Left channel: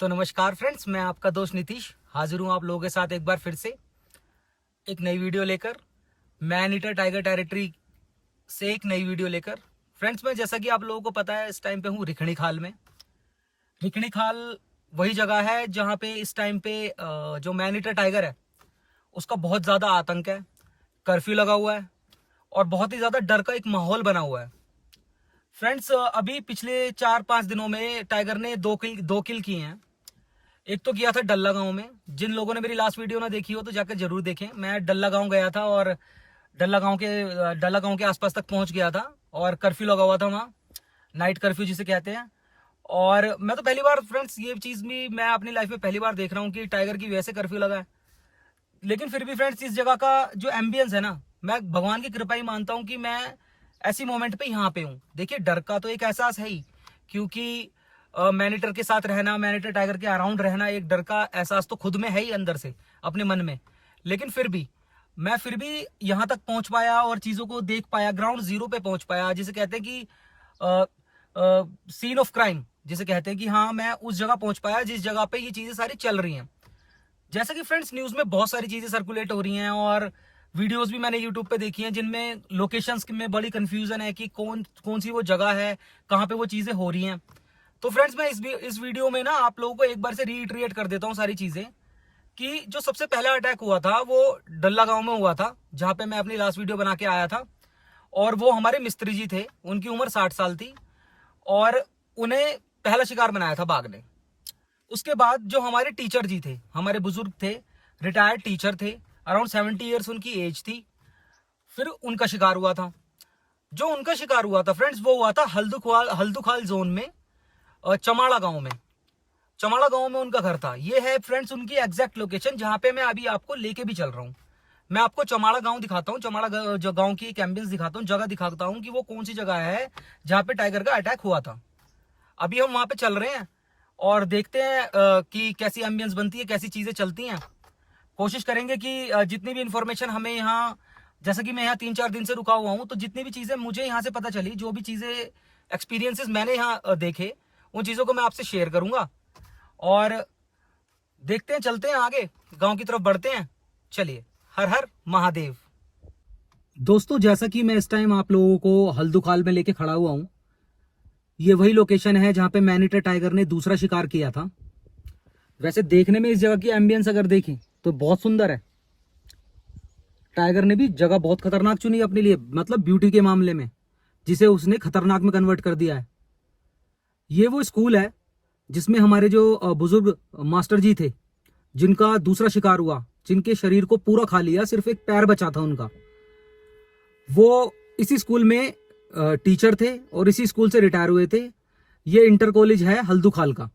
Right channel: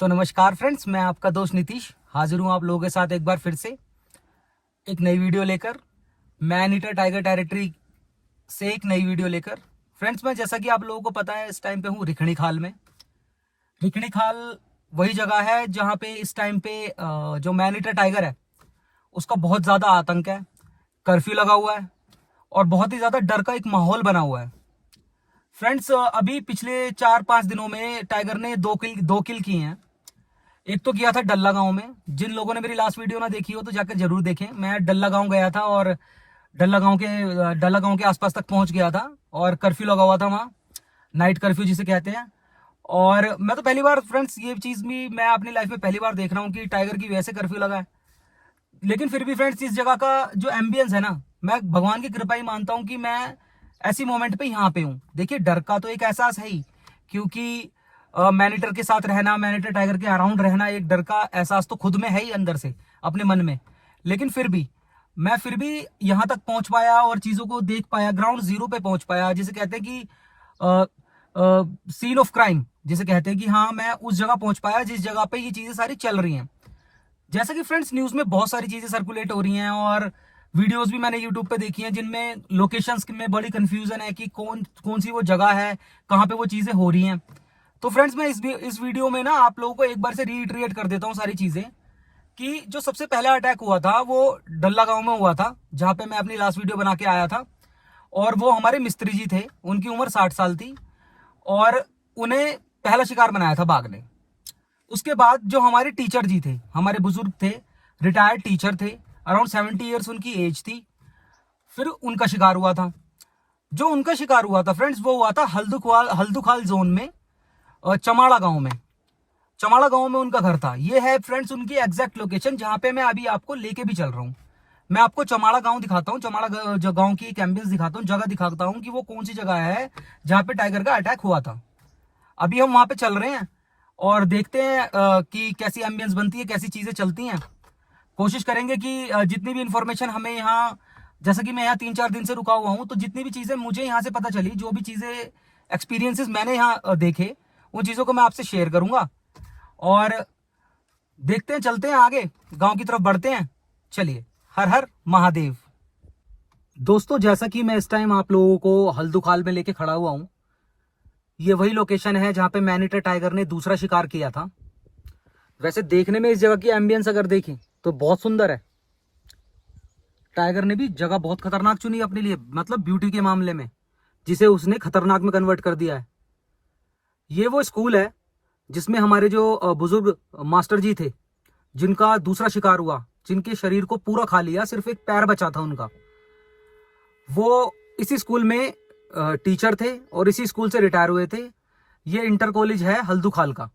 तो नमस्कार फ्रेंड्स, मैं आपका दोस्त नीतीश हाजिर हूँ आप लोगों के साथ एक बार फिर से एक नई वीडियो लेकर। मैन ईटर टाइगर टेरिटरी से एक नई वीडियो लेकर। फ्रेंड्स, मैं जैसा कि आप लोगों को पता है इस टाइम पे हूँ रिखणी खाल में। रिखणी खाल वही जगह है जहाँ पे इस टाइम पे जो मैन ईटर टाइगर है उसका बहुत ज़्यादा आतंक है। कर्फ्यू लगा हुआ है और बहुत ही ज़्यादा डर का एक माहौल बना हुआ है। फ्रेंड्स, अभी पिछले 4-5 दिनों में टाइगर ने दो किल किए हैं। एक तो किया था डल्ला गांव में। जिन लोगों ने मेरी लास्ट वीडियो ना देखी हो तो जाकर जरूर देखें। मैं डल्ला गांव गया था और डल्ला गांव के आसपास तक पहुंच गया था और कर्फ्यू लगा हुआ था वहाँ, नाइट कर्फ्यू जिसे कहते हैं। और मैं तो पहली बार फ्रेंड्स ये चीज़ भी मैं अपनी लाइफ में पहली बार देख रहा हूँ कि टाइगर की वजह से कर्फ्यू लगा है। लेकिन फिर भी फ्रेंड्स, इस जगह का जो एम्बियंस है ना, मैं भगवान की कृपा ही मानता हूँ कि मैं ऐसी मोमेंट पे यहाँ पे हूँ। देखिए, डर का तो एक एहसास है ही, क्योंकि मैनीटर के साथ रहना, मैनीटर टाइगर के अराउंड रहना, एक डर का एहसास तो खुद में है ही अंदर से अपने मन में। लेकिन फिर भी मैं यहाँ तक पहुंच पाया और चीजों को देख पाया, ग्राउंड जीरो पे पहुंच पाया, जिसे कहते हैं कि सीन ऑफ क्राइम, जिसे कहते हैं कि हाँ, मैं उस जगह पहुंच पाया जिस जगह पे ये चीजें सारी चल रही हैं। जैसा कि फ्रेंड्स, न्यूज में बहुत सारी चीजें सर्कुलेट हो रही हैं और वीडियोस भी मैंने यूट्यूब पे देखी हैं जिनमें लोकेशंस में बड़ी कंफ्यूजन है कि कौन कौन सी वो जगह है, कहाँ पे वो चीजें हो रही हैं। तो फ्रेंड्स, मैं इस वीडियो में ना आप लोगों को एक बार से रीइटरेट कर देता हूँ सारी चीजें कि जो सबसे पहला अटैक हुआ था वो डल्ला गांव में हुआ था, जहां पे मैं अपनी लास्ट वीडियो बना के आया था। और वो हमारे मिस्त्री जी थे, उनकी उम्र 60 साल थी और उन्हें पहला शिकार बनाया था बाघ ने। उसके बाद जो हमारे टीचर जी थे, हमारे बुजुर्ग थे, रिटायर्ड टीचर थे, अराउंड 70 ईयर्स उनकी एज थी, फिर उनका शिकार हुआ था। जो उनका शिकार हुआ था फ्रेंड्स, वो हुआ था हल्दुखाल जोन में, चमाड़ा गांव में। चमाड़ा गांव में उनका घर था। ये है फ्रेंड्स उनकी एग्जैक्ट लोकेशन जहां पे मैं अभी आपको लेके भी चल रहा हूं। मैं आपको चमाड़ा गांव दिखाता हूं, चमाड़ा जो गांव की एक एम्बियंस दिखाता हूं, जगह दिखाता हूं कि वो कौन सी जगह है जहां पे टाइगर का अटैक हुआ था। अभी हम वहां पे चल रहे हैं और देखते हैं कि कैसी एम्बियंस बनती है, कैसी चीजें चलती हैं। कोशिश करेंगे कि जितनी भी इंफॉर्मेशन हमें यहाँ, जैसे कि मैं यहाँ 3-4 दिन से रुका हुआ हूँ, तो जितनी भी चीजें मुझे यहाँ से पता चली, जो भी चीजें एक्सपीरियंसेस मैंने यहाँ देखे, उन चीजों को मैं आपसे शेयर करूंगा और देखते हैं, चलते हैं आगे, गांव की तरफ बढ़ते हैं। चलिए, हर हर महादेव। दोस्तों, जैसा कि मैं इस टाइम आप लोगों को हल्दुखाल में लेके खड़ा हुआ हूं, ये वही लोकेशन है जहां पे मैनीटर टाइगर ने दूसरा शिकार किया था। वैसे देखने में इस जगह की एम्बियंस अगर देखें तो बहुत सुंदर है। टाइगर ने भी जगह बहुत खतरनाक चुनी अपने लिए, मतलब ब्यूटी के मामले में, जिसे उसने खतरनाक में कन्वर्ट कर दिया है। ये वो स्कूल है जिसमें हमारे जो बुजुर्ग मास्टर जी थे, जिनका दूसरा शिकार हुआ, जिनके शरीर को पूरा खा लिया, सिर्फ एक पैर बचा था उनका, वो इसी स्कूल में टीचर थे और इसी स्कूल से रिटायर हुए थे। ये इंटर कॉलेज है हल्दुखाल का।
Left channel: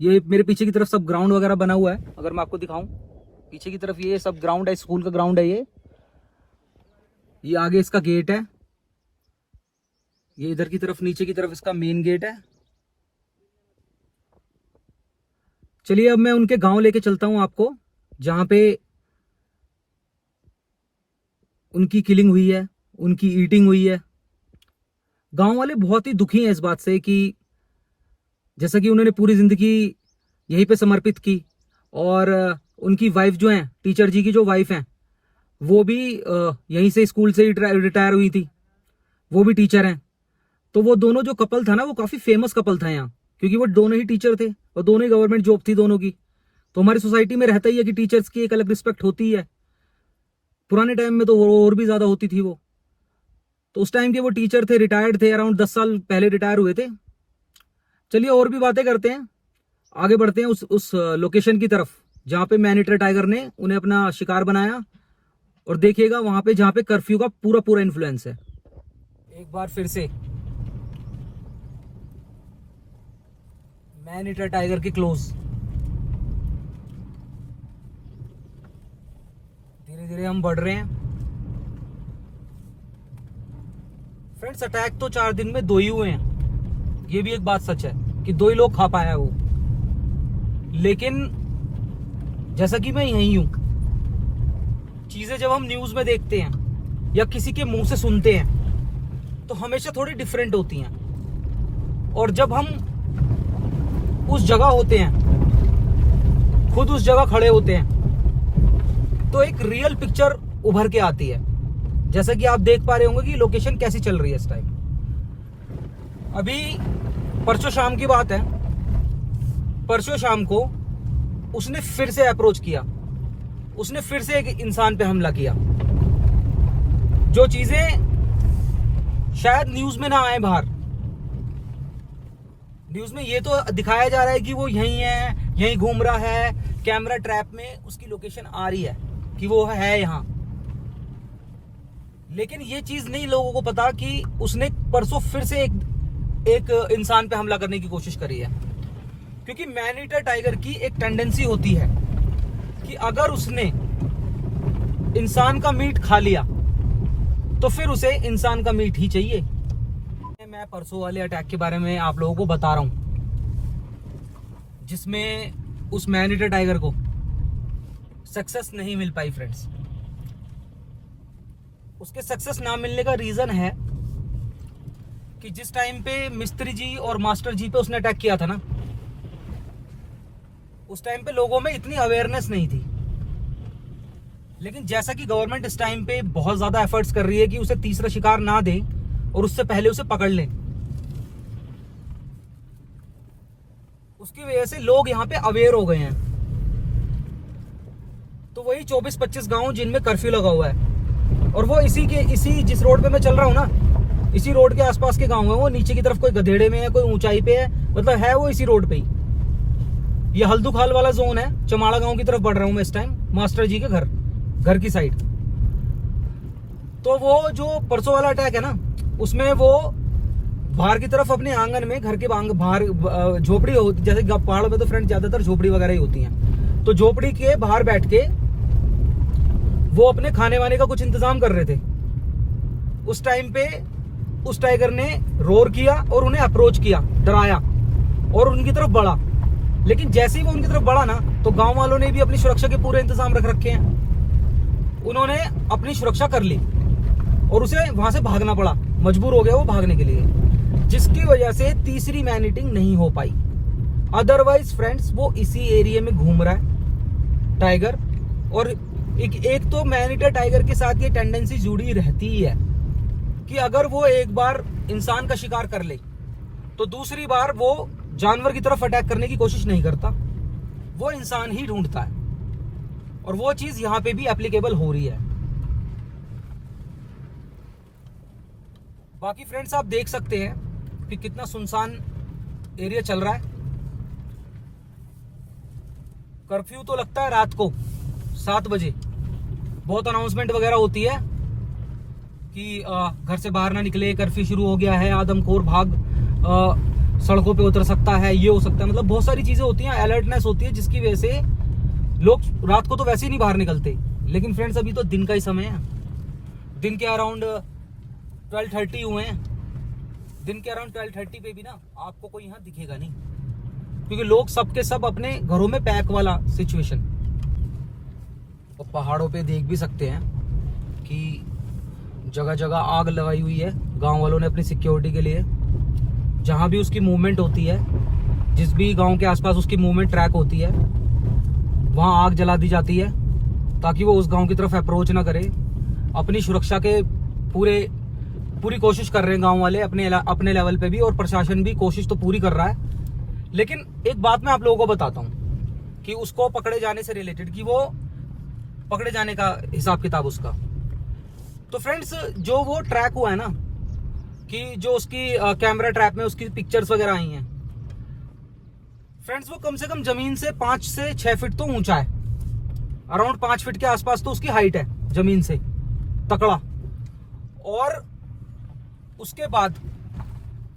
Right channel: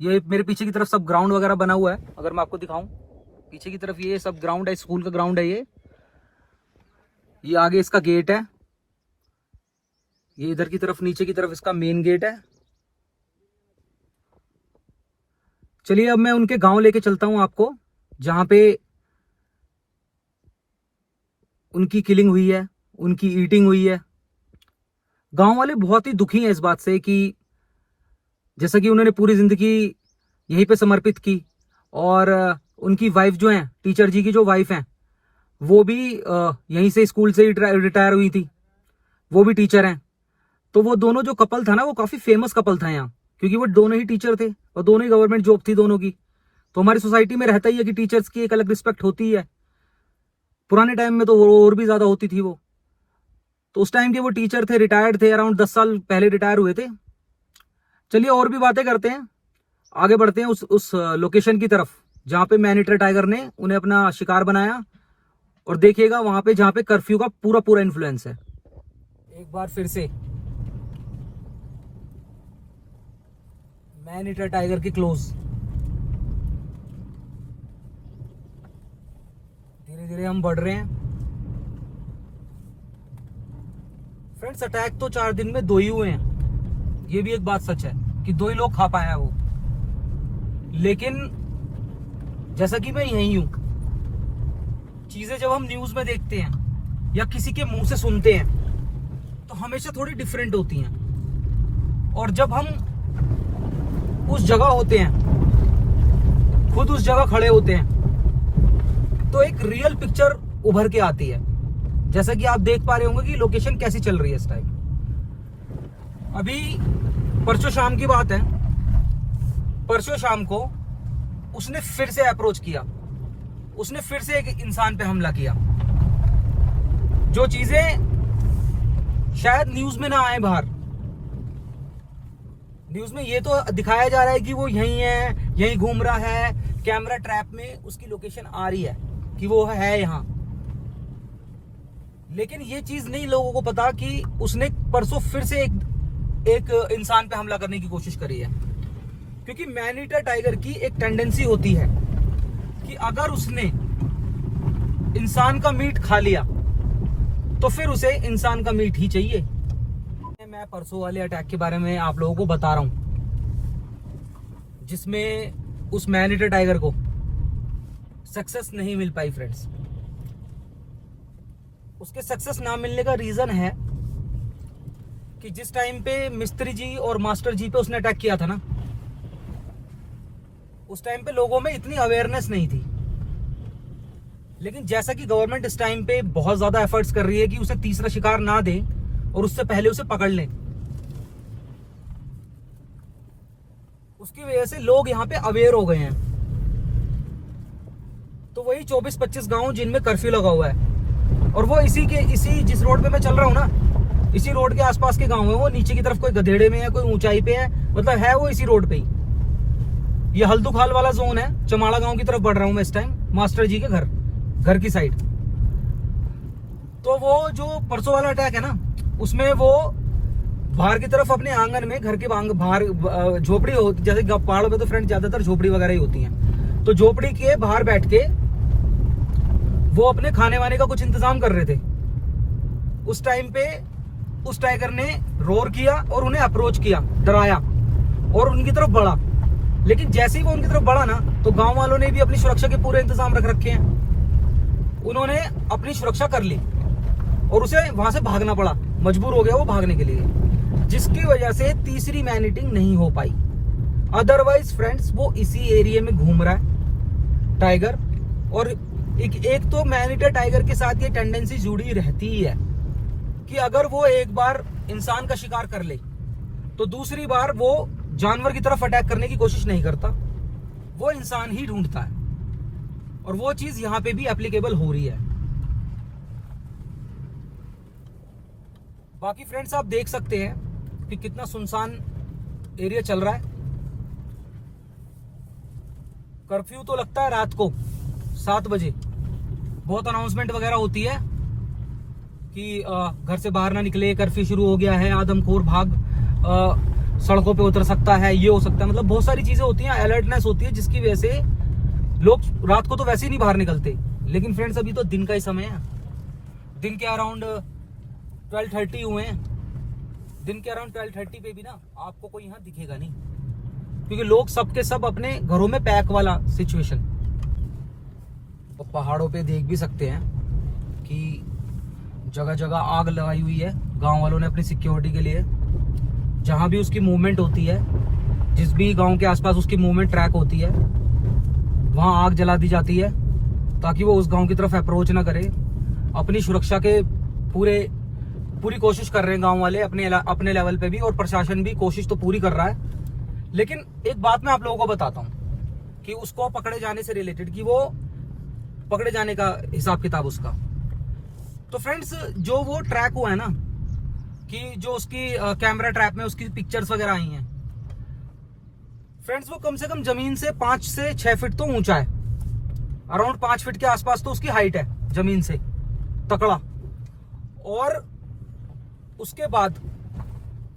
ये मेरे पीछे की तरफ सब ग्राउंड वगैरह बना हुआ है, अगर मैं आपको दिखाऊं, पीछे की तरफ ये सब ग्राउंड है, स्कूल का ग्राउंड है। ये आगे इसका गेट है, ये इधर की तरफ नीचे की तरफ इसका मेन गेट है। चलिए, अब मैं उनके गांव लेके चलता हूं आपको, जहां पे उनकी किलिंग हुई है, उनकी ईटिंग हुई है। गांव वाले बहुत ही दुखी हैं इस बात से कि जैसा कि उन्होंने पूरी जिंदगी यहीं पे समर्पित की और उनकी वाइफ जो है, टीचर जी की जो वाइफ है, वो भी यहीं से स्कूल से रिटायर हुई थी, वो भी टीचर हैं। तो वो दोनों जो कपल था ना, वो काफी फेमस कपल था यहाँ, क्योंकि वो दोनों ही टीचर थे और दोनों ही गवर्नमेंट जॉब थी दोनों की। तो हमारी सोसाइटी में रहता ही है कि टीचर्स की एक अलग रिस्पेक्ट होती है। पुराने टाइम में तो और भी ज्यादा होती थी वो। तो उस टाइम के वो टीचर थे, रिटायर्ड थे, अराउंड 10 साल पहले रिटायर हुए थे। चलिए, और भी बातें करते हैं, आगे बढ़ते हैं उस लोकेशन की तरफ जहां पे मैनीटर टाइगर ने उन्हें अपना शिकार बनाया। और देखिएगा वहां पे जहां पे कर्फ्यू का पूरा पूरा इन्फ्लुएंस है। एक बार फिर से मैनीटर टाइगर के क्लोज, धीरे धीरे हम बढ़ रहे हैं। फ्रेंड्स, अटैक तो 4 दिन में 2 ही हुए हैं, ये भी एक बात सच है कि 2 ही लोग खा पाया वो। लेकिन जैसा कि मैं यही हूं, चीजें जब हम न्यूज में देखते हैं या किसी के मुंह से सुनते हैं तो हमेशा थोड़ी डिफरेंट होती हैं। और जब हम उस जगह होते हैं, खुद उस जगह खड़े होते हैं, तो एक रियल पिक्चर उभर के आती है। जैसा कि आप देख पा रहे होंगे कि लोकेशन कैसी चल रही है इस टाइम। अभी परसों शाम की बात है, परसों शाम को उसने फिर से अप्रोच किया, उसने फिर से एक इंसान पे हमला किया। जो चीजें शायद न्यूज में ना आए बाहर, न्यूज में ये तो दिखाया जा रहा है कि वो यहीं है, यहीं घूम रहा है, कैमरा ट्रैप में उसकी लोकेशन आ रही है कि वो है यहां, लेकिन ये चीज नहीं लोगों को पता कि उसने परसों फिर से एक इंसान पे हमला करने की कोशिश करी है। क्योंकि मैन ईटर टाइगर की एक टेंडेंसी होती है कि अगर उसने इंसान का मीट खा लिया तो फिर उसे इंसान का मीट ही चाहिए। मैं परसों वाले अटैक के बारे में आप लोगों को बता रहा हूं, जिसमें उस मैन ईटर टाइगर को सक्सेस नहीं मिल पाई फ्रेंड्स। उसके सक्सेस ना मिलने का रीजन है कि जिस टाइम पे मिस्त्री जी और मास्टर जी पे उसने अटैक किया था ना, उस टाइम पे लोगों में इतनी अवेयरनेस नहीं थी। लेकिन जैसा कि गवर्नमेंट इस टाइम पे बहुत ज्यादा एफर्ट्स कर रही है कि उसे तीसरा शिकार ना दे और उससे पहले उसे पकड़ ले, उसकी वजह से लोग यहाँ पे अवेयर हो गए हैं। तो वही 24-25 गांव जिनमें कर्फ्यू लगा हुआ है, और वो इसी जिस रोड पे मैं चल रहा हूँ ना, इसी रोड के आसपास के गांव है। वो नीचे की तरफ कोई गधेड़े में है, कोई ऊंचाई पे है, मतलब है वो इसी रोड पे ही। ये हल्दुखाल वाला जोन है, चमाड़ा गांव की तरफ बढ़ रहा हूं मैं इस टाइम, मास्टर जी के घर की साइड। तो वो जो परसों वाला अटैक है ना, उसमें वो बाहर की तरफ अपने आंगन में, घर के बाहर झोपड़ी होती, जैसे पहाड़ों पे तो फ्रेंड ज्यादातर झोपड़ी वगैरह ही होती हैं, तो झोपड़ी के बाहर बैठ के वो अपने खाने वाने का कुछ इंतजाम कर रहे थे। उस टाइम पे उस टाइगर ने रोर किया और उन्हें अप्रोच किया, डराया और उनकी तरफ बढ़ा। लेकिन जैसे ही वो उनकी तरफ बढ़ा ना, तो गांव वालों ने भी अपनी सुरक्षा के पूरे इंतजाम रख रखे हैं। उन्होंने अपनी सुरक्षा कर ली और उसे वहां से भागना पड़ा, मजबूर हो गया वो भागने के लिए, जिसकी वजह से तीसरी मैन ईटिंग नहीं हो पाई। अदरवाइज फ्रेंड्स वो इसी एरिया में घूम रहा है टाइगर। और एक तो मैन ईटर टाइगर के साथ ये टेंडेंसी जुड़ी रहती है कि अगर वो एक बार इंसान का शिकार कर ले तो दूसरी बार वो जानवर की तरफ अटैक करने की कोशिश नहीं करता, वो इंसान ही ढूंढता है। और वो चीज यहां पे भी एप्लीकेबल हो रही है। बाकी फ्रेंड्स आप देख सकते हैं कि कितना सुनसान एरिया चल रहा है। कर्फ्यू तो लगता है रात को 7 बजे, बहुत अनाउंसमेंट वगैरह होती है कि घर से बाहर ना निकले, कर्फ्यू शुरू हो गया है, आदमखोर भाग सड़कों पे उतर सकता है, ये हो सकता है, मतलब बहुत सारी चीजें होती हैं, अलर्टनेस होती है, जिसकी वजह से लोग रात को तो वैसे ही नहीं बाहर निकलते। लेकिन फ्रेंड्स अभी तो दिन का ही समय है, दिन के अराउंड 12:30 हुए हैं। दिन के अराउंड 12:30 पे भी ना आपको कोई यहाँ दिखेगा नहीं, क्योंकि लोग सबके सब अपने घरों में पैक वाला सिचुएशन। और पहाड़ों पे देख भी सकते हैं कि जगह जगह आग लगाई हुई है गांव वालों ने अपनी सिक्योरिटी के लिए। जहां भी उसकी मूवमेंट होती है, जिस भी गांव के आसपास उसकी मूवमेंट ट्रैक होती है, वहां आग जला दी जाती है ताकि वो उस गांव की तरफ अप्रोच ना करे। अपनी सुरक्षा के पूरी कोशिश कर रहे हैं गांव वाले अपने लेवल पे भी, और प्रशासन भी कोशिश तो पूरी कर रहा है। लेकिन एक बात मैं आप लोगों को बताता हूँ कि उसको पकड़े जाने से रिलेटेड, कि वो पकड़े जाने का हिसाब किताब उसका। तो फ्रेंड्स जो वो ट्रैक हुआ है ना, कि जो उसकी कैमरा ट्रैप में उसकी पिक्चर्स वगैरह आई हैं फ्रेंड्स, वो कम से कम जमीन से 5 से 6 फीट तो ऊंचा है, अराउंड 5 फीट के आसपास तो उसकी हाइट है जमीन से, तकड़ा। और उसके बाद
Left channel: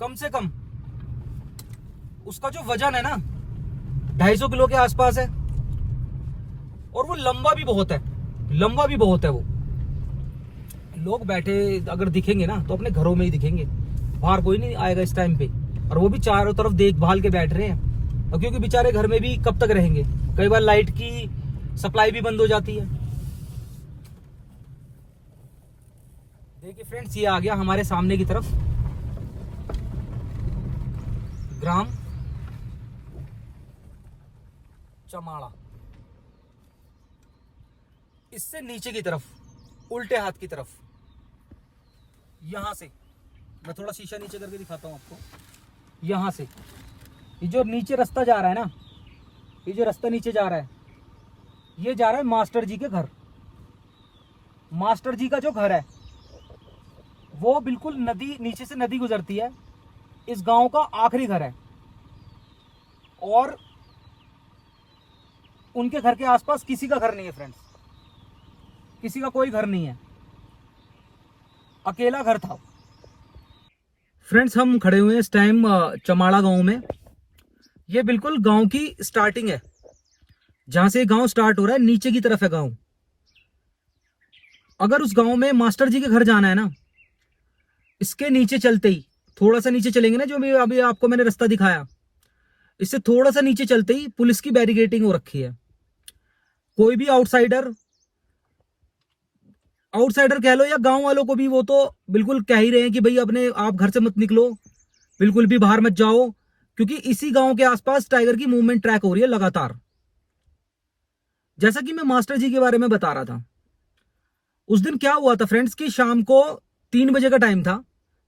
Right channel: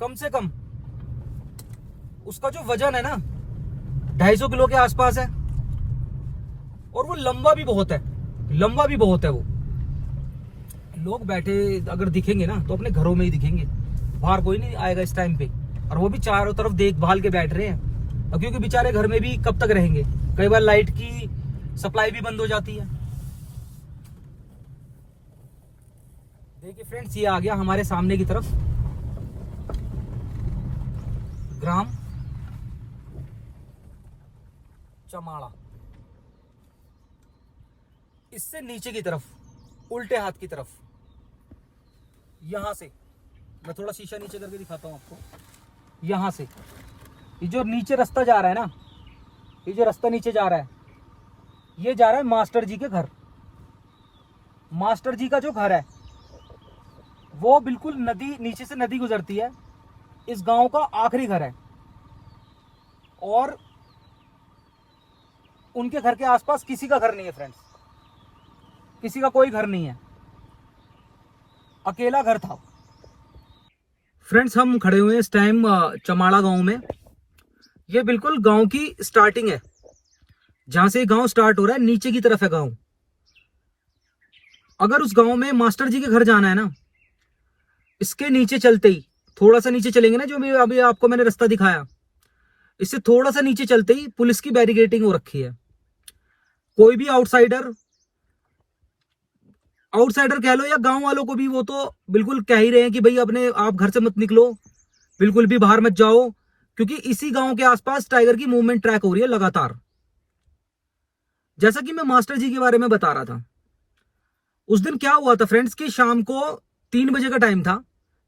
कम से कम उसका जो वजन है ना 250 किलो के आसपास है, और वो लंबा भी बहुत है वो। लोग बैठे अगर दिखेंगे ना तो अपने घरों में ही दिखेंगे, बाहर कोई नहीं आएगा इस टाइम पे। और वो भी चारों तरफ देखभाल के बैठ रहे हैं, और क्योंकि बेचारे घर में भी कब तक रहेंगे, कई बार लाइट की सप्लाई भी बंद हो जाती है। देखिए फ्रेंड्स, ये आ गया हमारे सामने की तरफ ग्राम, चमाड़ा, इससे नीचे की तरफ, उल्टे हाथ की तरफ, यहां से मैं थोड़ा शीशा नीचे करके दिखाता हूं आपको। यहां से ये जो नीचे रास्ता जा रहा है ना, ये जो रास्ता नीचे जा रहा है, ये जा रहा है मास्टर जी के घर। मास्टर जी का जो घर है वो बिल्कुल नदी, नीचे से नदी गुजरती है, इस गांव का आखिरी घर है। और उनके घर के आसपास किसी का घर नहीं है फ्रेंड्स, किसी का कोई घर नहीं है, अकेला घर था। फ्रेंड्स हम खड़े हुए हैं इस टाइम चमाड़ा गांव में। ये बिल्कुल गांव की स्टार्टिंग है, जहां से गांव स्टार्ट हो रहा है, नीचे की तरफ है गांव। अगर उस गांव में मास्टर जी के घर जाना है ना, इसके नीचे चलते ही, थोड़ा सा नीचे चलेंगे ना, जो भी अभी आपको मैंने रास्ता दिखाया, इससे थोड़ा सा नीचे चलते ही पुलिस की बैरिकेडिंग हो रखी है। कोई भी आउटसाइडर कह लो या गांव वालों को भी वो तो बिल्कुल कह ही रहे हैं कि भाई अपने आप घर से मत निकलो, बिल्कुल भी बाहर मत जाओ, क्योंकि इसी गांव के आसपास टाइगर की मूवमेंट ट्रैक हो रही है लगातार। जैसा कि मैं मास्टर जी के बारे में बता रहा था, उस दिन क्या हुआ था फ्रेंड्स कि शाम को 3 बजे का टाइम था,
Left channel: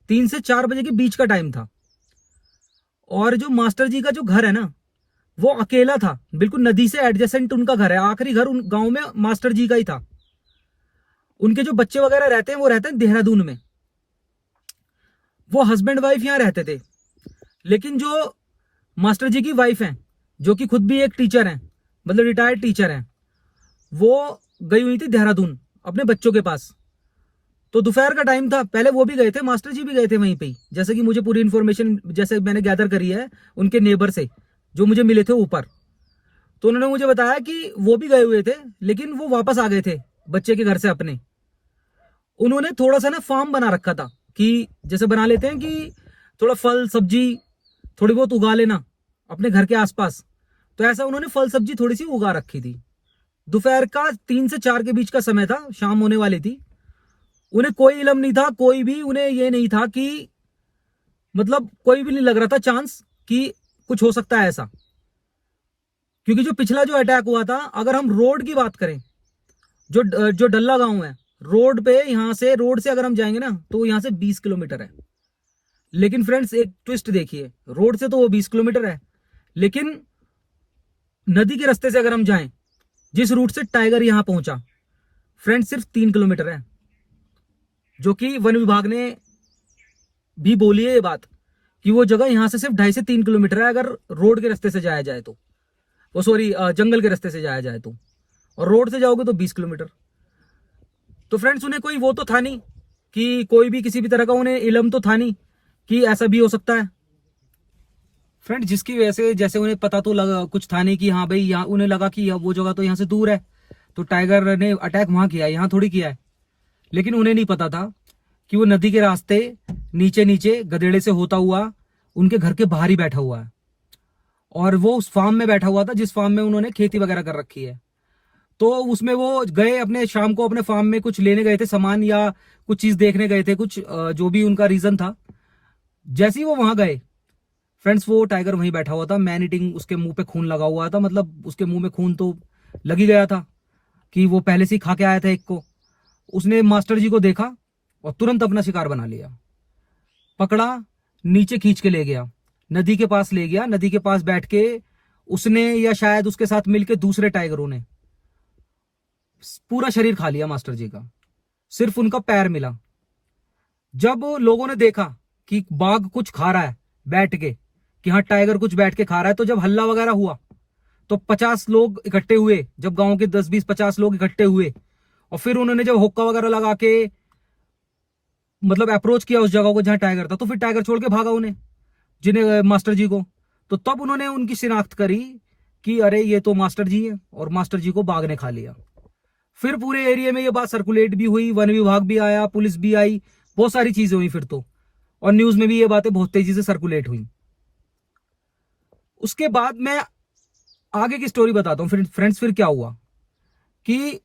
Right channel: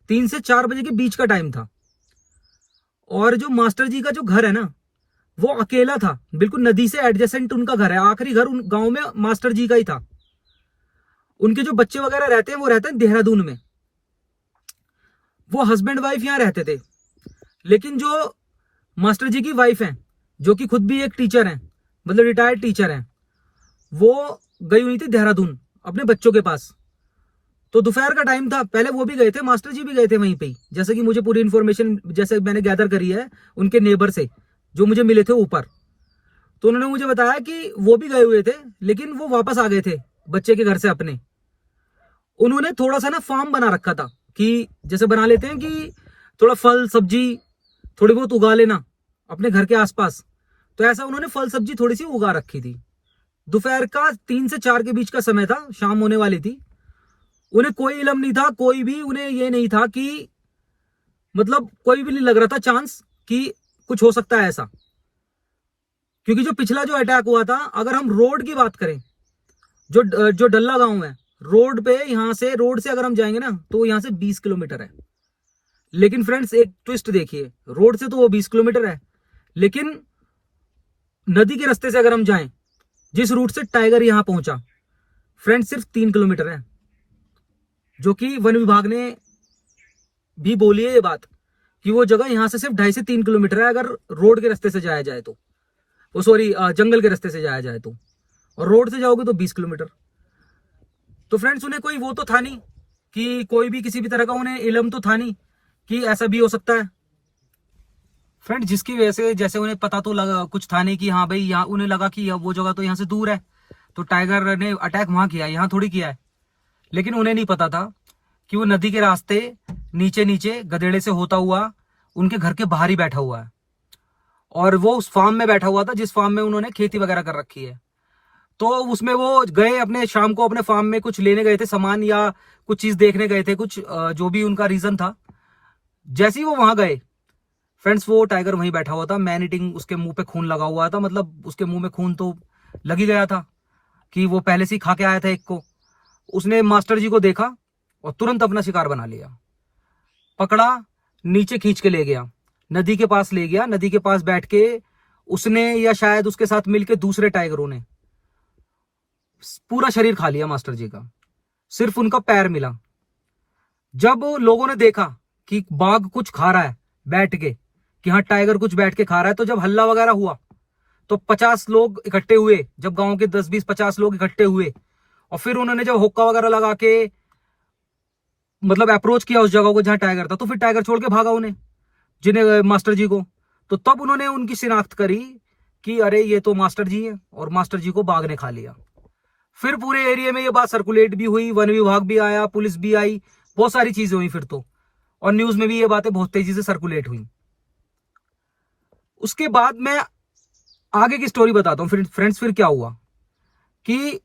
3 से 4 बजे के बीच का टाइम था। और जो मास्टर जी का जो घर है ना, वो अकेला था, बिल्कुल नदी से एडजेसेंट उनका घर है, आखिरी घर उन गांव में मास्टर जी का ही था। उनके जो बच्चे वगैरह रहते हैं वो रहते हैं देहरादून में, वो हस्बैंड वाइफ यहां रहते थे। लेकिन जो मास्टर जी की वाइफ है, जो कि खुद भी एक टीचर है, मतलब रिटायर्ड टीचर है, वो गई हुई थी देहरादून अपने बच्चों के पास। तो दोपहर का टाइम था, पहले वो भी गए थे, मास्टर जी भी गए थे वहीं पे, जैसे कि मुझे पूरी इन्फॉर्मेशन जैसे मैंने गैदर करी है उनके नेबर से जो मुझे मिले थे ऊपर। तो उन्होंने मुझे बताया कि वो भी गए हुए थे, लेकिन वो वापस आ गए थे बच्चे के घर से अपने। उन्होंने थोड़ा सा ना फार्म बना रखा था, कि जैसे बना लेते हैं कि थोड़ा फल सब्जी थोड़ी बहुत उगा लेना अपने घर के आसपास, तो ऐसा उन्होंने फल सब्जी थोड़ी सी उगा रखी थी। दोपहर का 3 से 4 के बीच का समय था, शाम होने वाली थी। उन्हें कोई इल्म नहीं था, कोई भी उन्हें ये नहीं था कि मतलब कोई भी नहीं लग रहा था चांस कि कुछ हो सकता है ऐसा। क्योंकि जो पिछला जो अटैक हुआ था, अगर हम रोड की बात करें, जो डल्ला गांव है, रोड पे, यहां से रोड से अगर हम जाएंगे ना तो यहां से 20 किलोमीटर है। लेकिन फ्रेंड्स एक ट्विस्ट देखिए, रोड से तो वो 20 किलोमीटर है, लेकिन नदी के रास्ते से अगर हम जाएं, जिस रूट से टाइगर यहां पहुंचा, फ्रेंड्स सिर्फ 3 किलोमीटर है। जो कि वन विभाग ने भी बोली है ये बात कि वो जगह यहां से सिर्फ 2.5 से 3 किलोमीटर है अगर रोड के रास्ते से जाया जाए तो, वो सॉरी जंगल के रास्ते से जाया जाए तो, और रोड से जाओगे तो 20 किलोमीटर। तो फ्रेंड्स उन्हें कोई वो तो था नहीं कि कोई भी किसी भी तरह का उन्हें इल्म तो था नहीं कि ऐसा भी हो सकता है। फ्रेंड जिसकी वजह से जैसे उन्हें पता तो लगा, कुछ था नहीं कि हाँ भाई, यहाँ उन्हें लगा कि वो जगह तो यहाँ से दूर है, तो टाइगर ने अटैक वहां किया है, यहाँ थोड़ी किया है। लेकिन उन्हें नहीं पता था कि वो नदी के रास्ते नीचे नीचे गधेड़े से होता हुआ उनके घर के बाहर ही बैठा हुआ है, और वो उस फार्म में बैठा हुआ था जिस फार्म में उन्होंने खेती वगैरह कर रखी है। तो उसमें वो गए अपने, शाम को अपने फार्म में कुछ लेने गए थे सामान, या कुछ चीज देखने गए थे, कुछ जो भी उनका रीजन था। जैसे ही वो वहां गए फ्रेंड्स, वो टाइगर वहीं बैठा हुआ था, मैन ईटिंग, उसके मुंह पे खून लगा हुआ था, मतलब उसके मुंह में खून तो लग ही गया था कि वो पहले से ही खा के आया था एक को। उसने मास्टर जी को देखा और तुरंत अपना शिकार बना लिया, पकड़ा, नीचे खींच के ले गया, नदी के पास ले गया। नदी के पास बैठ के उसने, या शायद उसके साथ मिलके दूसरे टाइगरों ने पूरा शरीर खा लिया मास्टर जी का, सिर्फ उनका पैर मिला। जब लोगों ने देखा कि बाघ कुछ खा रहा है बैठ के, कि हाँ टाइगर कुछ बैठ के खा रहा है, तो जब हल्ला वगैरह हुआ तो 50 लोग इकट्ठे हुए, जब गांव के 10, 20, 50 लोग इकट्ठे हुए, और फिर उन्होंने जब हुक्का वगैरह लगा के मतलब अप्रोच किया उस जगह को जहां टाइगर था, तो फिर टाइगर छोड़ के भागा उन्हें, जिन्हें मास्टर जी को। तो तब उन्होंने उनकी शिनाख्त करी कि अरे ये तो मास्टर जी है, और मास्टर जी को बाघ ने खा लिया। फिर पूरे एरिया में ये बात सर्कुलेट भी हुई, वन विभाग भी आया, पुलिस भी आई, बहुत सारी चीजें हुई फिर तो, और न्यूज में भी ये बातें बहुत तेजी से सर्कुलेट हुई। उसके बाद मैं आगे की स्टोरी बताता हूँ। फिर फ्रेंड्स फिर क्या हुआ कि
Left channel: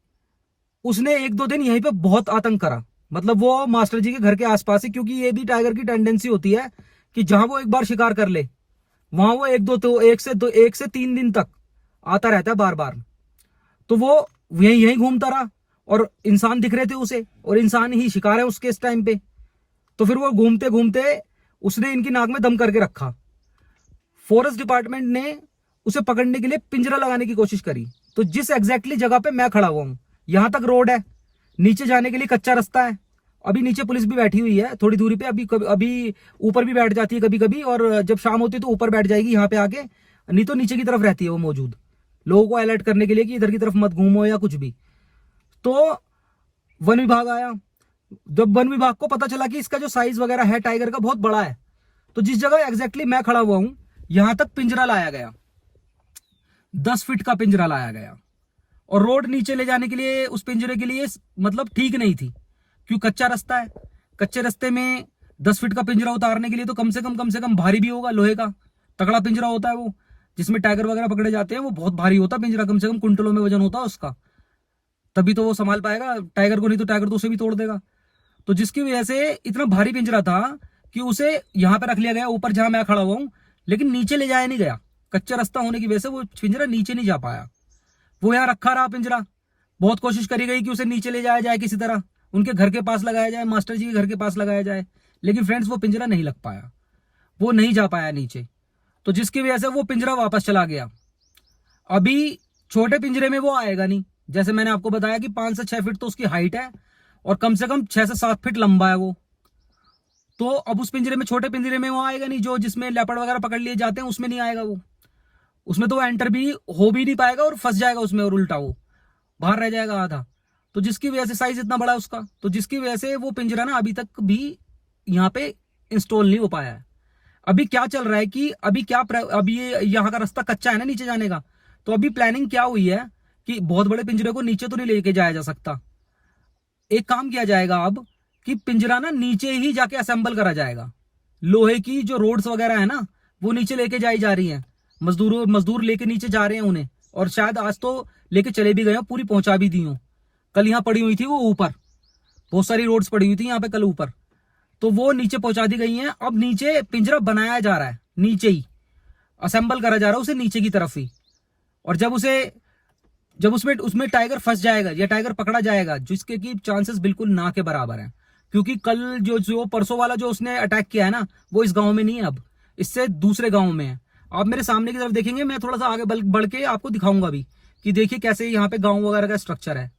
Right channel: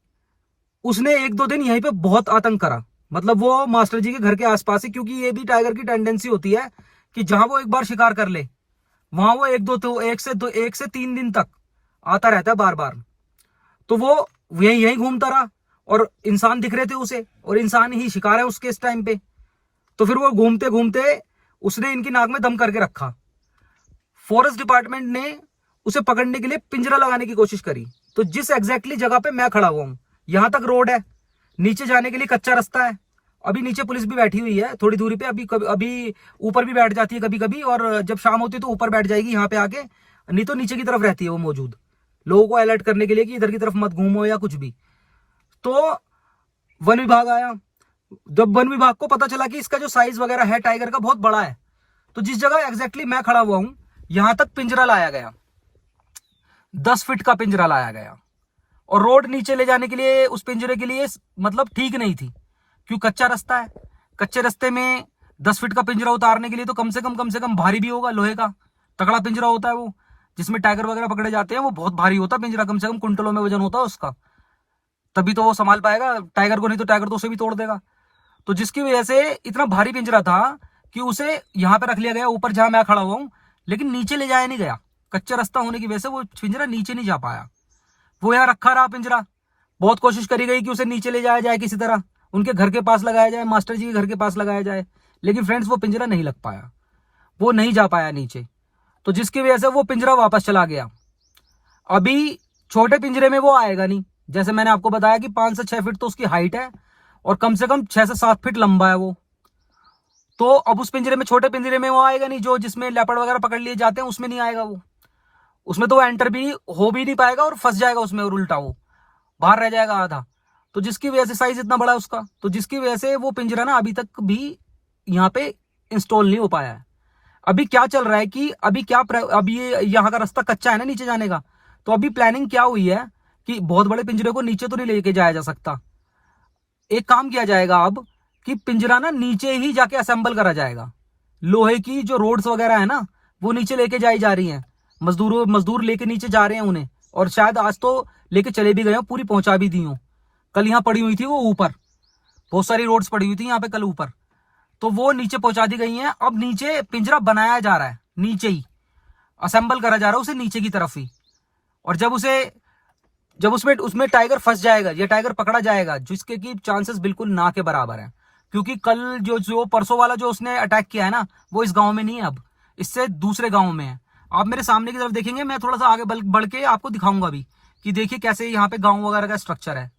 उसने 1-2 दिन यहीं पे बहुत आतंक करा, मतलब वो मास्टर जी के घर के आसपास ही, क्योंकि ये भी टाइगर की टेंडेंसी होती है कि जहां वो एक बार शिकार कर ले, वहां वो 1 से 3 दिन तक आता रहता है बार बार। तो वो यही यही घूमता रहा और इंसान दिख रहे थे उसे, और इंसान ही शिकार है उसके इस टाइम पे। तो फिर वो घूमते घूमते उसने इनकी नाक में दम करके रखा। फॉरेस्ट डिपार्टमेंट ने उसे पकड़ने के लिए पिंजरा लगाने की कोशिश करी। तो जिस एग्जैक्टली जगह पे मैं खड़ा हुआ हूं, यहां तक रोड है, नीचे जाने के लिए कच्चा रास्ता है। अभी नीचे पुलिस भी बैठी हुई है थोड़ी दूरी पे, अभी ऊपर भी बैठ जाती है कभी कभी, और जब शाम होती है तो ऊपर बैठ जाएगी यहाँ पे आके, नहीं तो नीचे की तरफ रहती है वो मौजूद, लोगों को अलर्ट करने के लिए कि इधर की तरफ मत घूमो या कुछ भी। तो वन विभाग आया। जब वन विभाग को पता चला कि इसका जो साइज वगैरह है टाइगर का बहुत बड़ा है, तो जिस जगह एग्जैक्टली मैं खड़ा हुआ हूं यहां तक पिंजरा लाया गया, 10 फीट का पिंजरा लाया गया। और रोड नीचे ले जाने के लिए उस पिंजरे के लिए मतलब ठीक नहीं थी, क्यों, कच्चा रास्ता है। कच्चे रास्ते में 10 फीट का पिंजरा उतारने के लिए तो कम से कम भारी भी होगा, लोहे का तगड़ा पिंजरा होता है वो, जिसमें टाइगर वगैरह पकड़े जाते हैं, वो बहुत भारी होता है पिंजरा, कम से कम कुंटलों में वजन होता है उसका, तभी तो वो संभाल पाएगा टाइगर को, नहीं तो टाइगर तो उसे भी तोड़ देगा। तो जिसकी वजह से इतना भारी पिंजरा था कि उसे यहां पे रख लिया गया ऊपर जहां मैं खड़ा हुआ हूं, लेकिन नीचे ले जाया नहीं गया। कच्चा रास्ता होने की वजह से वो पिंजरा नीचे नहीं जा पाया, वो यहाँ रखा रहा पिंजरा। बहुत कोशिश करी गई कि उसे नीचे ले जाया जाए, किसी तरह उनके घर के पास लगाया जाए, मास्टर जी के घर के पास लगाया जाए, लेकिन फ्रेंड्स वो पिंजरा नहीं लग पाया, वो नहीं जा पाया नीचे। तो जिसकी वजह से वो पिंजरा वापस चला गया। अभी छोटे पिंजरे में वो आएगा नहीं, जैसे मैंने आपको बताया कि 5 से 6 फीट तो उसकी हाइट है और कम से कम 6 से 7 फीट लंबा है वो। तो अब उस पिंजरे में, छोटे पिंजरे में वो आएगा नहीं, जो जिसमें लेपर्ड वगैरह पकड़ लिए जाते हैं उसमें नहीं आएगा वो, उसमें तो वो एंटर भी हो भी नहीं पाएगा और फंस जाएगा उसमें, और उल्टा वो बाहर रह जाएगा आधा। तो जिसकी वजह से साइज इतना बड़ा है उसका, तो जिसकी वजह से वो पिंजरा ना अभी तक भी यहाँ पे इंस्टॉल नहीं हो पाया है। अभी क्या चल रहा है कि अभी ये यहाँ का रास्ता कच्चा है ना नीचे जाने का, तो अभी प्लानिंग क्या हुई है कि बहुत बड़े पिंजरे को नीचे तो नहीं लेके जाया जा सकता। एक काम किया जाएगा अब कि पिंजरा ना नीचे ही जाके असेंबल करा जाएगा। लोहे की जो रोड्स वगैरह है ना वो नीचे लेके जाई जा रही हैं, मजदूर लेके नीचे जा रहे हैं उन्हें, और शायद आज तो लेके चले भी गए हो, पूरी पहुंचा भी दी हो। कल यहाँ पड़ी हुई थी वो ऊपर, बहुत सारी रोड्स पड़ी हुई थी यहाँ पे कल ऊपर, तो वो नीचे पहुंचा दी गई हैं। अब नीचे पिंजरा बनाया जा रहा है, नीचे ही असेंबल करा जा रहा है उसे नीचे की तरफ ही। और जब उसमें टाइगर फंस जाएगा या टाइगर पकड़ा जाएगा, जिसके की चांसेस बिल्कुल ना के बराबर है, क्योंकि कल जो परसों वाला जो उसने अटैक किया है ना, वो इस गांव में नहीं है, अब इससे दूसरे गांव में है। आप मेरे सामने की तरफ देखेंगे, मैं थोड़ा सा आगे बढ़ के आपको दिखाऊंगा भी कि देखिए कैसे यहाँ पे गांव वगैरह का स्ट्रक्चर है।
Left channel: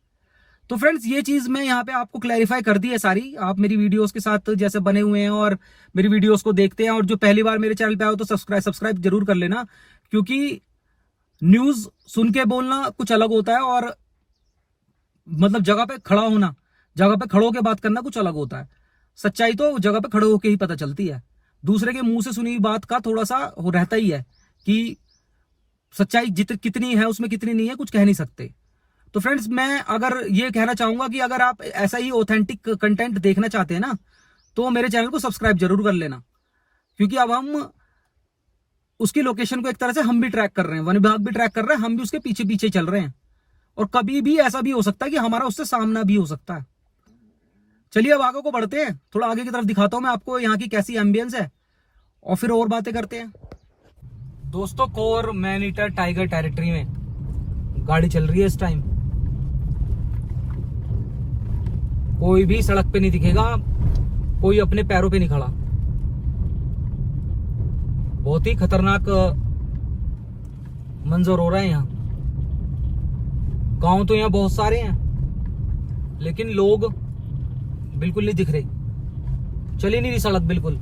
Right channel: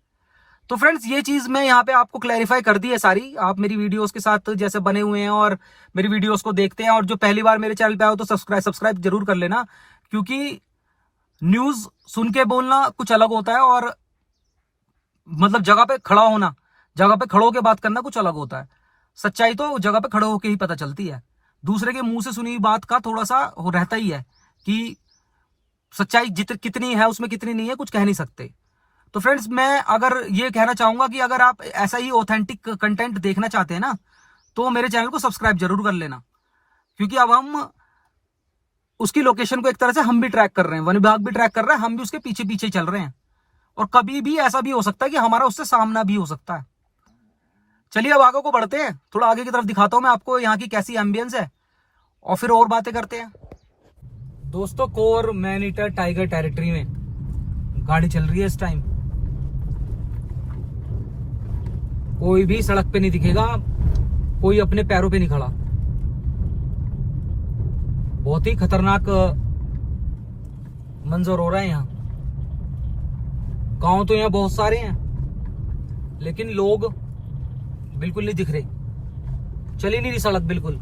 तो फ्रेंड्स ये चीज मैं यहाँ पे आपको क्लैरिफाई कर दी है सारी। आप मेरी वीडियोस के साथ जैसे बने हुए हैं और मेरी वीडियोस को देखते हैं, और जो पहली बार मेरे चैनल पे आओ तो सब्सक्राइब जरूर कर लेना, क्योंकि न्यूज सुन के बोलना कुछ अलग होता है, और मतलब जगह पे खड़ा होकर बात करना कुछ अलग होता है। सच्चाई तो जगह पे खड़े होकर ही पता चलती है, दूसरे के मुंह से सुनी बात का थोड़ा सा रहता ही है कि सच्चाई कितनी है उसमें कितनी नहीं है, कुछ कह नहीं सकते। तो फ्रेंड्स मैं अगर ये कहना चाहूंगा कि अगर आप ऐसा ही ऑथेंटिक कंटेंट देखना चाहते हैं ना, तो मेरे चैनल को सब्सक्राइब जरूर कर लेना, क्योंकि अब हम उसकी लोकेशन को एक तरह से हम भी ट्रैक कर रहे हैं, वन विभाग भी ट्रैक कर रहा है, हम भी उसके पीछे पीछे चल रहे हैं, और कभी भी ऐसा भी हो सकता है कि हमारा उससे सामना भी हो सकता है। चलिए अब आगे को बढ़ते हैं, थोड़ा आगे की तरफ दिखाता हूं मैं आपको यहाँ की कैसी एम्बियंस है, और फिर और बातें करते हैं। दोस्तों core man eater tiger territory में गाड़ी चल रही है इस टाइम, कोई भी सड़क पे नहीं दिखेगा, कोई अपने पैरों पे नहीं खड़ा। बहुत ही खतरनाक मंजर हो रहा है यहाँ। गांव तो यहाँ बहुत सारे हैं, लेकिन लोग बिल्कुल नहीं दिख रहे, चल ही नहीं रही सड़क बिल्कुल,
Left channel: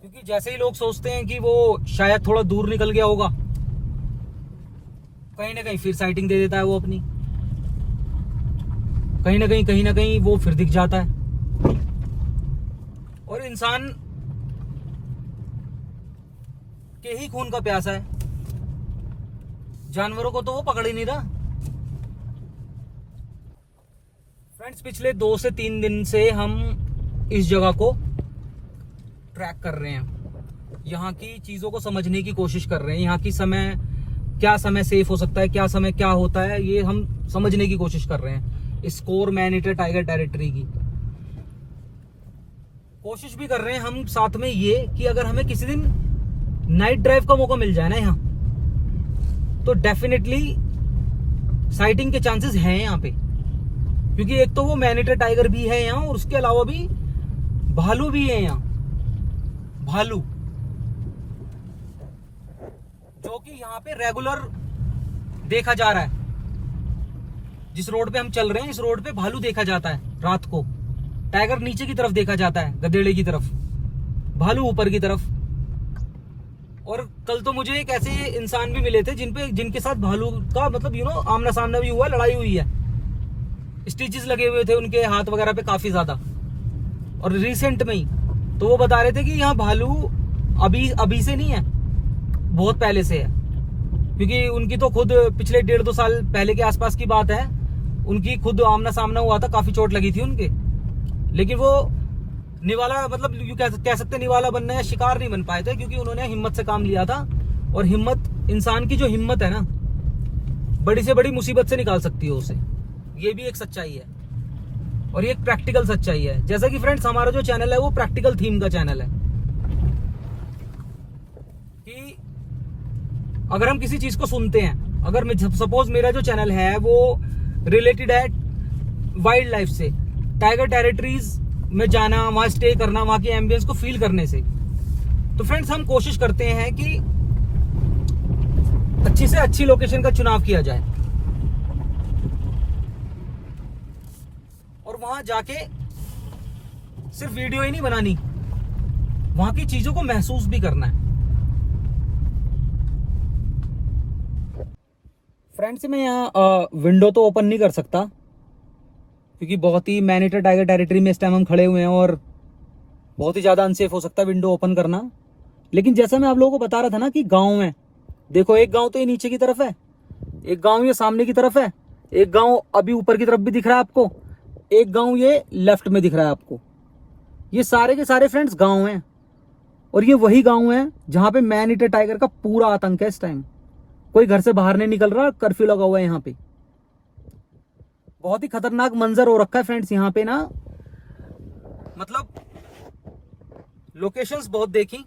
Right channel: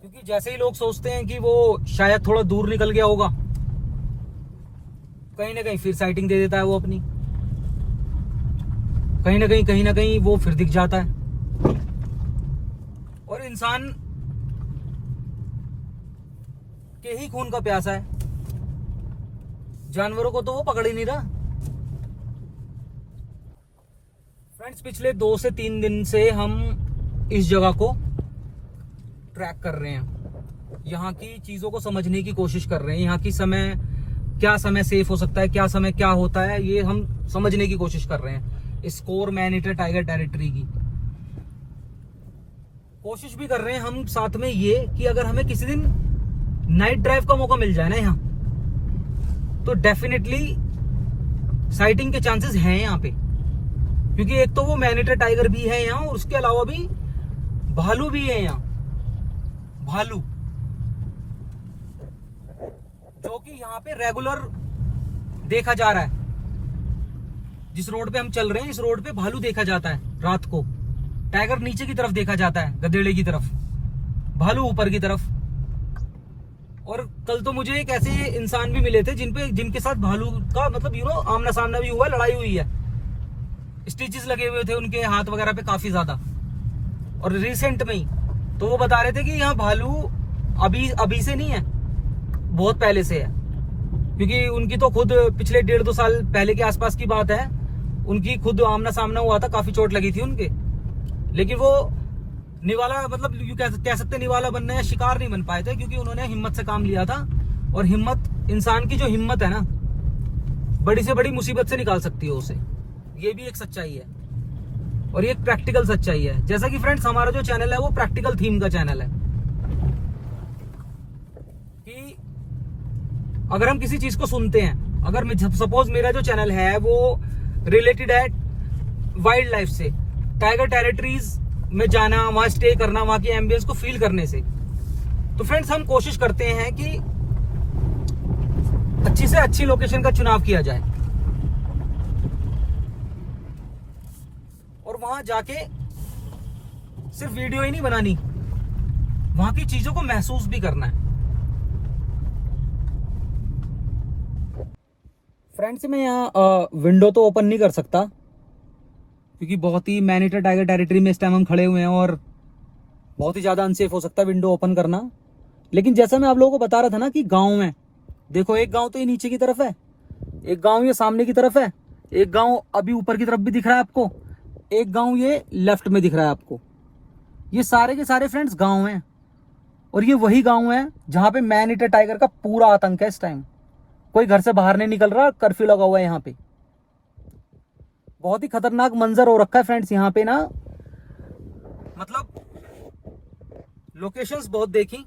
क्योंकि जैसे ही लोग सोचते हैं कि वो शायद थोड़ा दूर निकल गया होगा, कहीं ना कहीं फिर साइटिंग दे देता है वो अपनी, कहीं ना कहीं वो फिर दिख जाता है। और इंसान के ही खून का प्यासा है, जानवरों को तो वो पकड़ ही नहीं रहा। फ्रेंड्स पिछले 2 से 3 दिन से हम इस जगह को ट्रैक कर रहे हैं, यहाँ की चीजों को समझने की कोशिश कर रहे हैं, यहाँ की क्या समय सेफ हो सकता है, क्या समय क्या होता है, ये हम समझने की कोशिश कर रहे हैं। इस core man eater tiger territory की कोशिश भी कर रहे हैं हम साथ में, ये कि अगर हमें किसी दिन नाइट ड्राइव का मौका मिल जाए ना यहाँ, तो डेफिनेटली साइटिंग के चांसेस हैं यहाँ पे, क्योंकि एक तो वो मैनीटर टाइगर भी है यहाँ, और उसके अलावा भी भालू भी है यहाँ, भालू, जो कि यहाँ पे रेगुलर देखा जा रहा है। जिस रोड पे हम चल रहे हैं, इस रोड पे भालू देखा जाता है रात को। टाइगर नीचे की तरफ देखा जाता है, गधेड़े की तरफ, भालू ऊपर की तरफ। और कल तो मुझे एक ऐसे इंसान भी मिले थे जिनके साथ भालू का मतलब आमना सामना भी हुआ, लड़ाई हुई है, स्टिचेस लगे हुए थे उनके हाथ वगैरह पे काफी ज्यादा, और रिसेंट में ही। तो वो बता रहे थे कि यहाँ भालू अभी से नहीं है, बहुत पहले से है, क्योंकि उनकी तो खुद पिछले 1.5-2 साल पहले के आसपास की बात है, उनकी खुद आमना सामना हुआ था, काफी चोट लगी थी उनके, लेकिन वो निवाला, मतलब यू कह सकते निवाला बनना है, शिकार नहीं बन पाए थे, क्योंकि उन्होंने हिम्मत से काम लिया था। और हिम्मत, इंसान की जो हिम्मत है ना, बड़ी से बड़ी मुसीबत से निकाल सकती है उसे। ये भी एक सच्चाई है, और ये एक प्रैक्टिकल सच्चाई है। जैसा कि फ्रेंड्स हमारा जो चैनल है वो प्रैक्टिकल थीम का चैनल है, कि अगर हम किसी चीज को सुनते हैं, अगर सपोज मेरा जो चैनल है वो रिलेटेड है वाइल्ड लाइफ से, टाइगर टेरिटरीज में जाना, वहां स्टे करना, वहां की एम्बियंस को फील करने से, तो फ्रेंड्स हम कोशिश करते हैं कि अच्छी से अच्छी लोकेशन का चुनाव किया जाए, और वहां जाके सिर्फ वीडियो ही नहीं बनानी, वहां की चीजों को महसूस भी करना है। फ्रेंड्स मैं यहाँ विंडो तो ओपन नहीं कर सकता, क्योंकि बहुत ही मैनीटर टाइगर टेरिटरी में इस टाइम हम खड़े हुए हैं, और बहुत ही ज्यादा अनसेफ हो सकता है विंडो ओपन करना। लेकिन जैसा मैं आप लोगों को बता रहा था ना कि गांव है, देखो एक गांव तो ये नीचे की तरफ है, एक गांव ये सामने की तरफ है, एक गांव अभी ऊपर की तरफ भी दिख रहा है आपको, एक गांव ये लेफ्ट में दिख रहा है आपको। ये सारे के सारे फ्रेंड्स गांव हैं, और ये वही गांव है जहां पे मैन ईटर टाइगर का पूरा आतंक है। इस टाइम कोई घर से बाहर नहीं निकल रहा, कर्फ्यू लगा हुआ है यहाँ पे। बहुत ही खतरनाक मंजर हो रखा है फ्रेंड्स यहाँ पे ना, मतलब लोकेशंस बहुत देखी,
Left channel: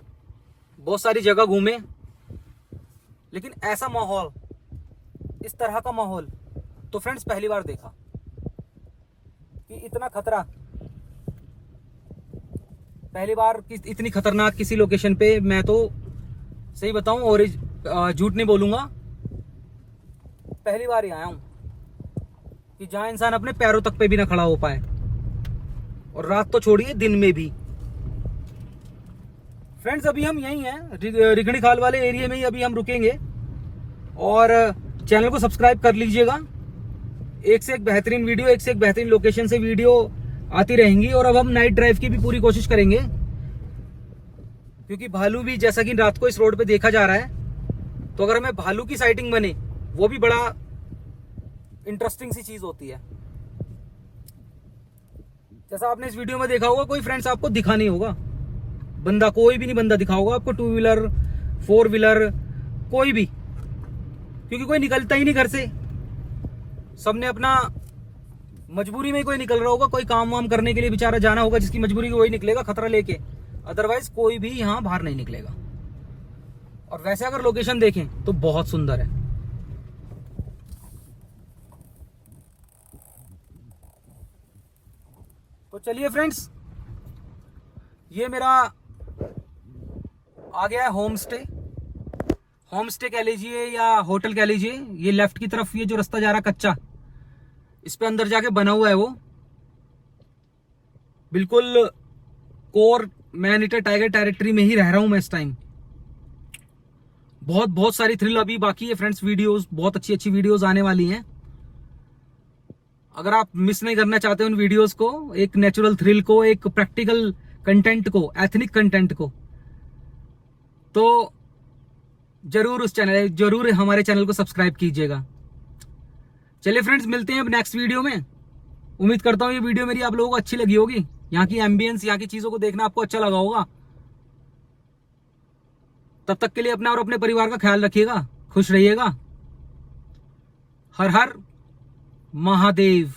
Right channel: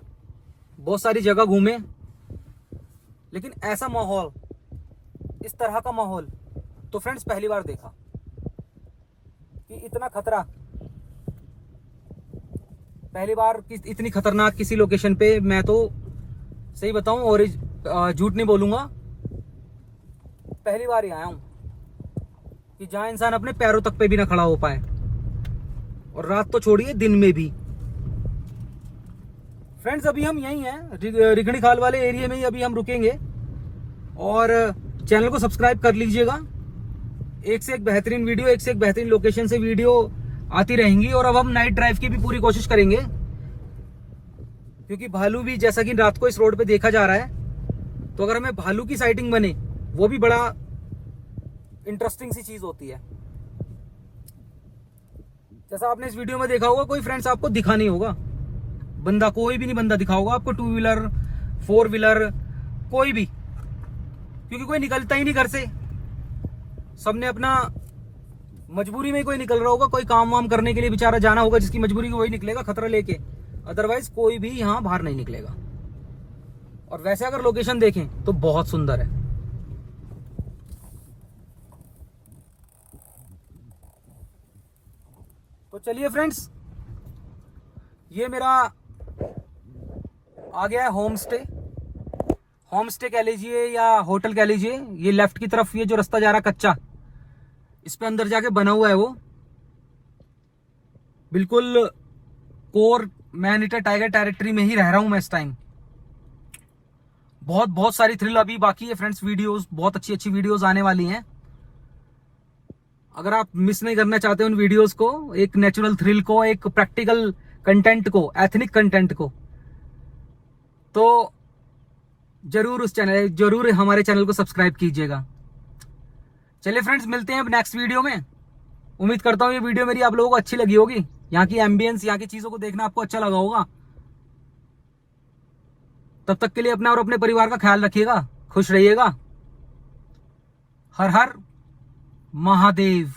बहुत सारी जगह घूमे, लेकिन ऐसा माहौल, इस तरह का माहौल तो फ्रेंड्स पहली बार देखा, कि इतना खतरा पहली बार, इतनी खतरनाक किसी लोकेशन पे। मैं तो सही बताऊं और झूठ नहीं बोलूंगा, पहली बार ही आया हूं कि जहां इंसान अपने पैरों तक पे भी ना खड़ा हो पाए, और रात तो छोड़िए दिन में भी। फ्रेंड्स अभी हम यहीं हैं, रिखणी खाल वाले एरिया में ही अभी हम रुकेंगे, और चैनल को सब्सक्राइब कर लीजिएगा। एक से एक बेहतरीन वीडियो, एक से एक बेहतरीन लोकेशन से वीडियो आती रहेंगी। और अब हम नाइट ड्राइव की भी पूरी कोशिश करेंगे, क्योंकि भालू भी जैसा कि रात को इस रोड पे देखा जा रहा है, तो अगर हमें भालू की साइटिंग बने, वो भी बड़ा इंटरेस्टिंग सी चीज होती है। जैसा आपने इस वीडियो में देखा होगा, कोई फ्रेंड्स आपको दिखा नहीं होगा बंदा, कोई भी नहीं बंदा दिखा होगा आपको, 2 व्हीलर 4 व्हीलर कोई भी, क्योंकि कोई निकलता ही नहीं घर से, सबने अपना मजबूरी में कोई निकल रहा होगा, कोई काम वाम करने के लिए बेचारा जाना होगा, जिसकी मजबूरी वही निकलेगा खतरा लेके, अदरवाइज कोई भी यहाँ बाहर नहीं निकलेगा। और वैसे अगर लोकेशन देखें तो बहुत सुंदर है। तो चलिए फ्रेंड्स, ये मेरा आ गया है होम स्टे, होम स्टे कह लीजिए या होटल कह लीजिए। ये लेफ्ट की तरफ ये जो रास्ता जा रहा है कच्चा, इस पे अंदर जाके बना हुआ है वो, बिल्कुल core man eater tiger territory में ही रह रहा हूं मैं इस टाइम। बहुत सारी थ्रिल अभी बाकी है फ्रेंड्स, वीडियोस बहुत अच्छी वीडियोस आने वाली हैं। अगर आप मिस नहीं करना चाहते उन वीडियोस को, एक नेचुरल थ्रिल को, एक प्रैक्टिकल कंटेंट को, एथनिक कंटेंट को, तो जरूर हमारे चैनल को सब्सक्राइब कीजिएगा। चलिए फ्रेंड्स, मिलते हैं अब नेक्स्ट वीडियो में। उम्मीद करता हूँ ये वीडियो मेरी आप लोगों को अच्छी लगी होगी, यहाँ की एम्बियंस, यहाँ की चीजों को देखना आपको अच्छा लगा होगा। तब तक के लिए अपना और अपने परिवार का ख्याल रखिएगा, खुश रहिएगा। हर हर महादेव।